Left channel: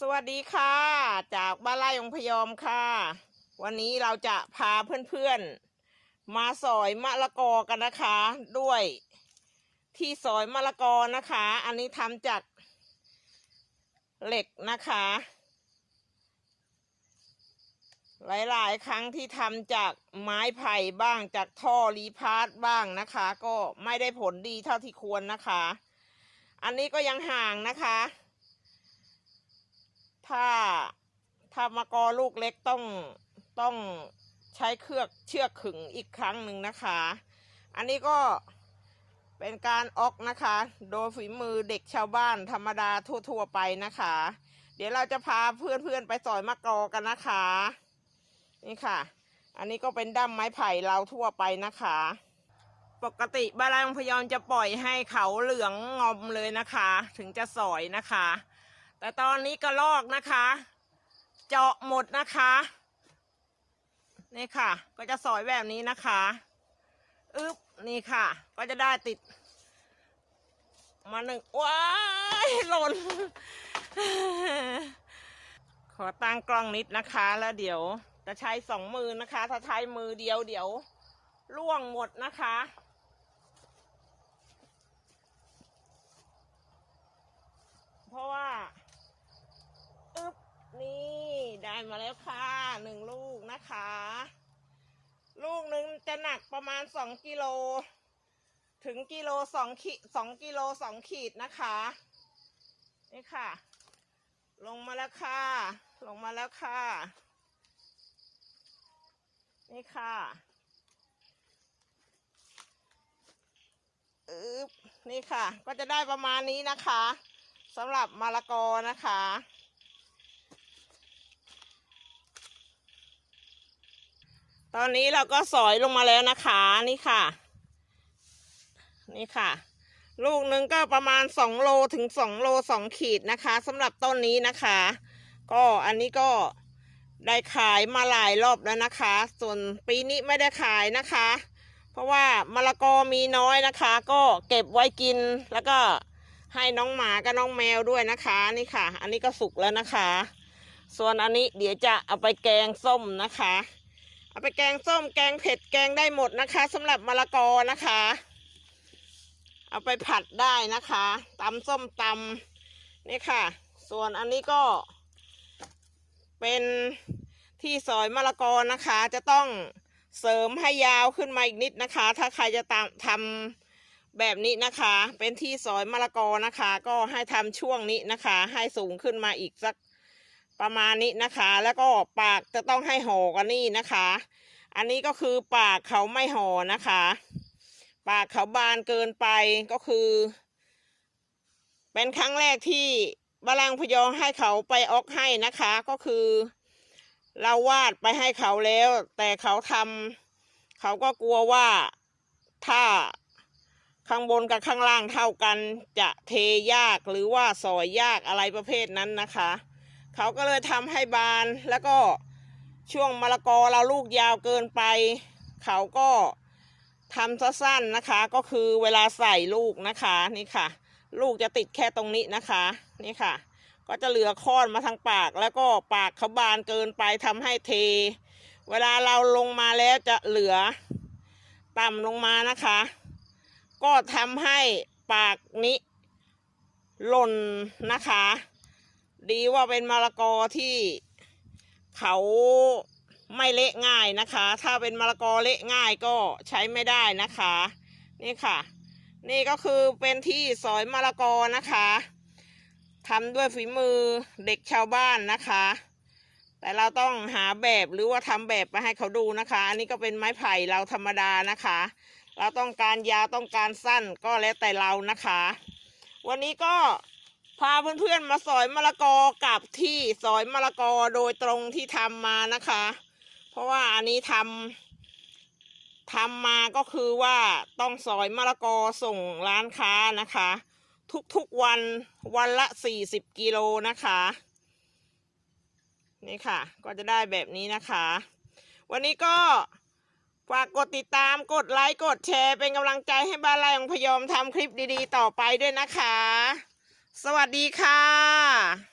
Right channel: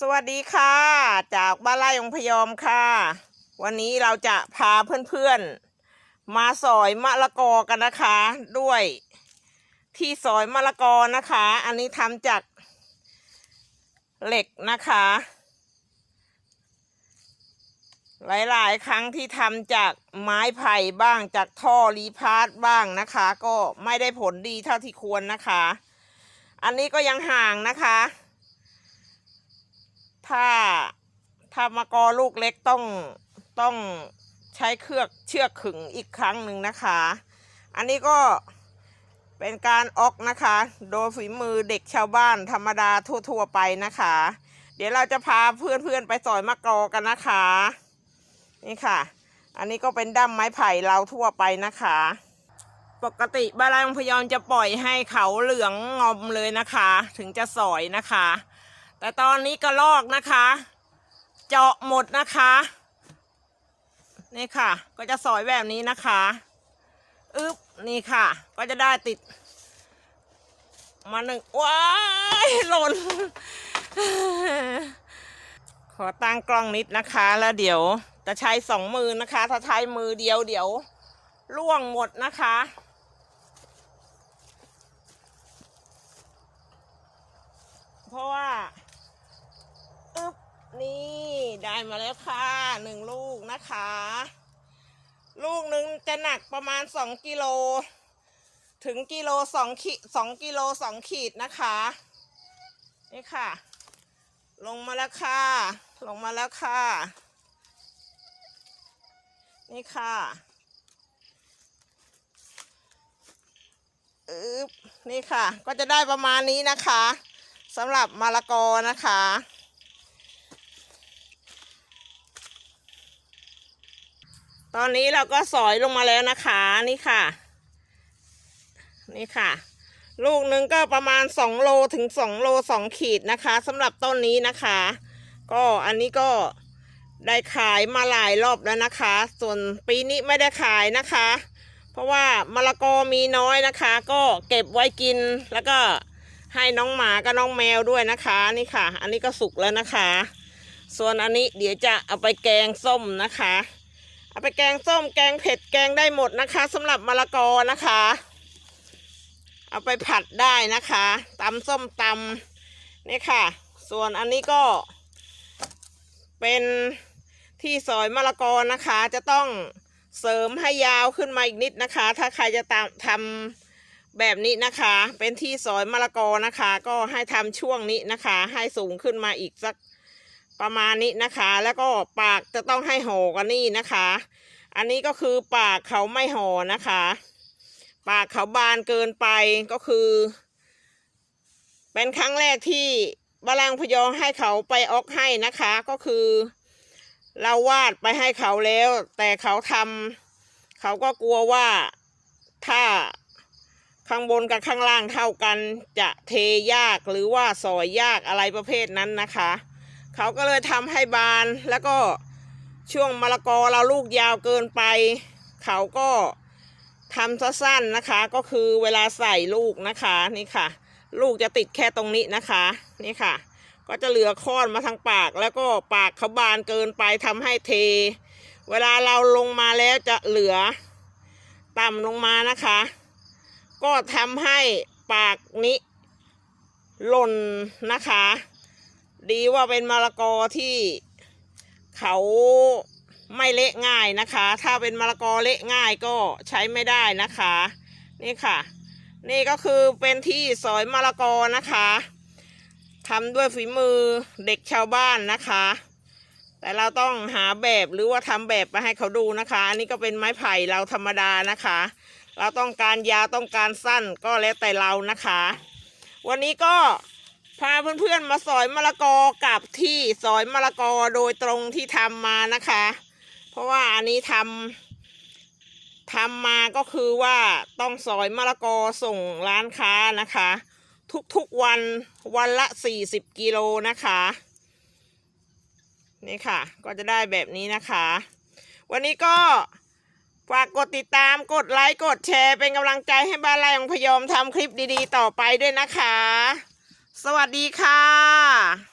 สวัสดีค่ะ จากบ้านไร่องพยอมค่ะ วันนี้เราจะพาเพื่อนๆ มาสอยมะละกอกันนะคะ ด้วยที่สอยมะละกอนะคะ อันนี้ทำจากเหล็กนะคะ หลายๆ ครั้งที่ทำจากไม้ไผ่บ้างจากท่อรีพาร์ทบ้างนะคะ ก็ไม่ได้ผลดีเท่าที่ควรนะคะ อันนี้ก็ยังห่างนะคะ ถ้าถ้ามากอลูกเล็กต้องต้องใช้เครือกเชือกขึงอีกครั้งหนึ่งนะคะ อันนี้ก็เป็นการออกนะคะ โดยฝีมือเด็กชาวบ้านธรรมดาทั่ว ๆ ไปนะคะ เดี๋ยวเราจะพาเพื่อนๆไปสอยมะกอกันนะคะ นี่ค่ะ อันนี้ก็เป็นด้ามไม้ไผ่เราทั่วไปนะคะ ปกติบ้านไร่องพยอมจะปล่อยให้เขาเหลืองงอมเลยนะคะ ถึงจะสอยนะคะ แต่ตอนนี้กระลอกนะคะ เจาะหมดนะคะนี่ค่ะ ก็จะสอยแบบนี้นะคะอึ๊บนี่ค่ะ ก็จะได้ติด มาหนึ่งว้ายหล่น ขอตั้งกล้องนิดนะคะ แล้วเดี๋ยวจะใช้สองมือนะคะ ถ้าใช้มือเดียวเดี๋ยวล่วงหมดนะคะ เพราะว่าอึ๊บนี่ได้ มาแล้วค่ะหนึ่งลูกนะคะ ลูกหนึ่งจะหนักประมาณสองกิโล ถึงกิโลสองขีดสองกิโลสองขีดนะคะ นี่ค่ะ ลงมาแล้วค่ะ ลงมาแล้วค่ะ นี่ค่ะอึ๊บนี่ค่ะ ก็จะได้ประมาณนี้นะคะสำหรับมะละกอนะคะ ตอนนี้เราก็สอยลงมาแล้วนะคะนี่ค่ะ นี่ค่ะ ลูกหนึ่งก็ประมาณสองโลถึงสองโลสองขีดนะคะสำหรับต้นนี้นะคะ ก็อันนี้ก็ได้ขายมาหลายรอบแล้วนะคะ ส่วนปีนี้ไม่ได้ขายนะคะ เพราะว่ามะละกอมีน้อยนะคะ ก็เก็บไว้กินแล้วก็ให้น้องหมากับน้องแมวด้วยนะคะนี่ค่ะ อันนี้ก็สุกแล้วนะคะ ส่วนอันนี้เดี๋ยวจะเอาไปแกงส้มนะคะ เอาไปแกงส้มแกงเผ็ดแกงได้หมดนะคะสำหรับมะละกอนะคะ เอาไปผัดได้นะคะตำส้มตำนี่ค่ะ ส่วนอันนี้ก็ เป็นที่ซอยมะละกอนะคะ จะต้องเสริมให้ยาวขึ้นมาอีกนิดนะคะ ถ้าใครจะตามทำแบบนี้นะคะ เป็นที่ซอยมะละกอนะคะ ก็ให้ทำช่วงนี้นะคะ ให้สูงขึ้นมาอีกสัก ประมาณนี้นะคะ แล้วก็ปากจะต้องให้ห่อกันนี่นะคะ อันนี้ก็คือปากเขาไม่ห่อนะคะ ปากเขาบานเกินไปก็คือ เป็นครั้งแรกที่บาลังพยองให้เขาไปออกให้นะคะ ก็คือ เราวาดไปให้เขาแล้ว แต่เขาทำเขาก็กลัวว่าถ้าข้างบนกับข้างล่างเท่ากันจะเทยากหรือว่าสอยยากอะไรประเภทนั้นนะคะ เขาก็เลยทำให้บาน แล้วก็ช่วงมะละกอเราลูกยาวเกินไป เขาก็ทำซะสั้นนะคะ ก็คือเวลาใส่ลูกนะคะนี่ค่ะ ลูกจะติดแค่ตรงนี้นะคะนี่ค่ะ ก็จะเหลือค้อนมาทางปาก แล้วก็ปากเขาบานเกินไปทำให้เท เวลาเราลงมาแล้วจะเหลือต่ำลงมานะคะ ก็ทำให้ปากนี้หล่นนะคะ ดีว่าเป็นมะละกอที่เขาไม่เละง่ายนะคะ ถ้าเป็นมะละกอเละง่ายก็ใช้ไม่ได้นะคะ นี่ค่ะ นี่ก็คือเป็นที่สอยมะละกอนะคะทำด้วยฝีมือเด็กชาวบ้านนะคะ แต่เราต้องหาแบบหรือว่าทำแบบมาให้เขาดูนะคะ อันนี้ก็เป็นไม้ไผ่เราธรรมดานะคะ เราต้องการยาวต้องการสั้นก็แล้วแต่เรานะคะ วันนี้ก็ พาเพื่อนๆมาสอยมะละกอกับที่สอยมะละกอโดยตรงที่ทำมานะคะ เพราะว่าอันนี้ทำทำมาก็คือว่าต้องสอยมะละกอส่งร้านค้านะคะ ทุกๆวันวันละสี่สิบกิโลนะคะนี่ค่ะ ก็จะได้แบบนี้นะคะ วันนี้ก็ฝากกดติดตามกดไลค์กดแชร์เป็นกำลังใจให้บ้านไร่ของพยอมทำคลิปดีๆ ต่อไปด้วยนะคะ สวัสดีค่ะ